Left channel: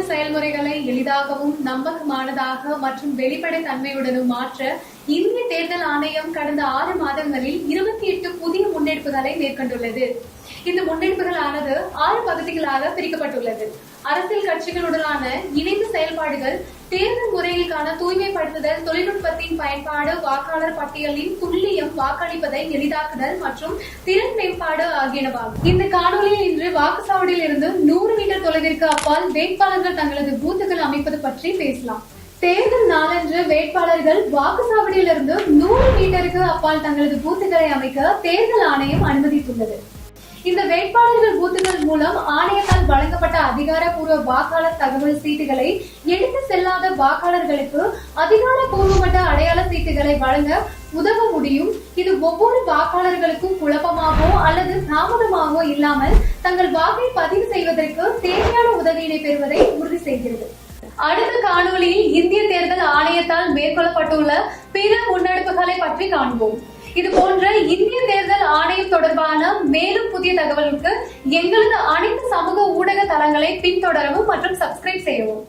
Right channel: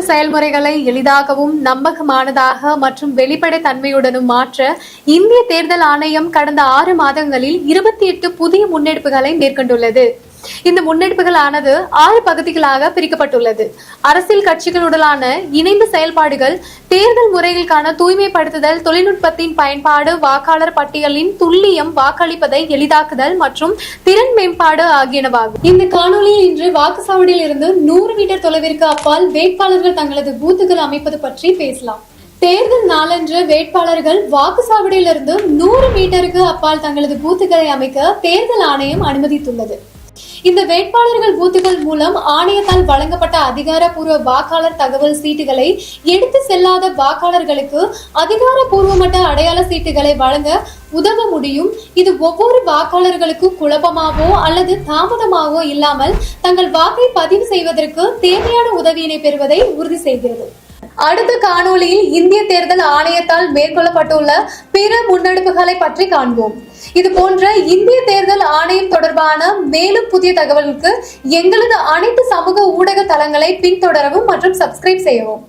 தேர்தல் செயல்முறைகளை எளிதாகவும் நம்பகமானதாக மற்றும் வெளிப்படைத்தன்மையுடனும் மாற்ற இந்திய தேர்தல் ஆணையம் கடந்த 6 மாதங்களில் 28 புதிய முன்னெடுப்புகளை மேற்கொண்டுள்ளது. இந்த முன்னெடுப்புகளானது 6 பகுதிகளாக பிரிக்கப்பட்டுள்ளது. அரசியல் கட்சிகளுடனான இணைந்த செயல்பாடுகள், தேர்தல் முறைகளுக்கான தூய்மைப்படுத்துதல், தொழில்நுட்பத்தின் பயன்பாடு, வாக்காளர் பட்டியலின் துல்லியம், வாக்களிப்பதை எளிதாக்குதல் மற்றும் திறன் மேம்பாடு ஆகியனவாகும். இந்த காணொலியில் இன்று வாக்குச்சாவடியில் இருந்து 100 மீட்டர் தொலைவிற்கு அப்பால் வேட்பாளர்கள் தங்களது பூத்துகள் அமைப்பது பற்றி பேசலாம். தேர்தல் நாளன்று வேட்பாளர்கள் வாக்குச்சாவடியிலிருந்து 100 மீட்டருக்கு அப்பால் தங்களது பூத்துகளை அமைக்க தேர்தல் ஆணையம் அனுமதித்துள்ளது. இந்த வேட்பாளர்கள் பூத்துகள் மூலம் ஆணையத்தால் வழங்கப்பட்ட அதிகாரப்பூர்வ வாக்காளர் தகவல் சீட்டுகளை எடுத்து செல்லாத வாக்காளர்களுக்கு அதிகாரப்பூர்வமற்ற அடையாள சீட்டுகளை வழங்க உதவ முடியும். இது ஒவ்வொரு வாக்காளர்களுக்கும் குழப்பமாகவோ அல்லது தாமதமாகவோ இல்லாமல் தங்கள் வாக்கை பதிவு செய்வதற்கு தேவையான உதவியினை பெறுவதை உறுதி செய்கிறது. அடுத்த காணொலியில் இந்திய தேர்தல் ஆணையத்தால் மேற்கொள்ளப்பட்டுள்ள பிற முன்னெடுப்புகளை பற்றி காண்போம். இது போன்ற இந்திய தேர்தல் ஆணையம் தொடர்பான மேலும் புதிய தகவலுக்கு எங்களது அனைத்து சமூக ஊடக தளங்களை பின்தொடரவும் மற்றும் சப்ஸ்கிரைப் செய்யவும்.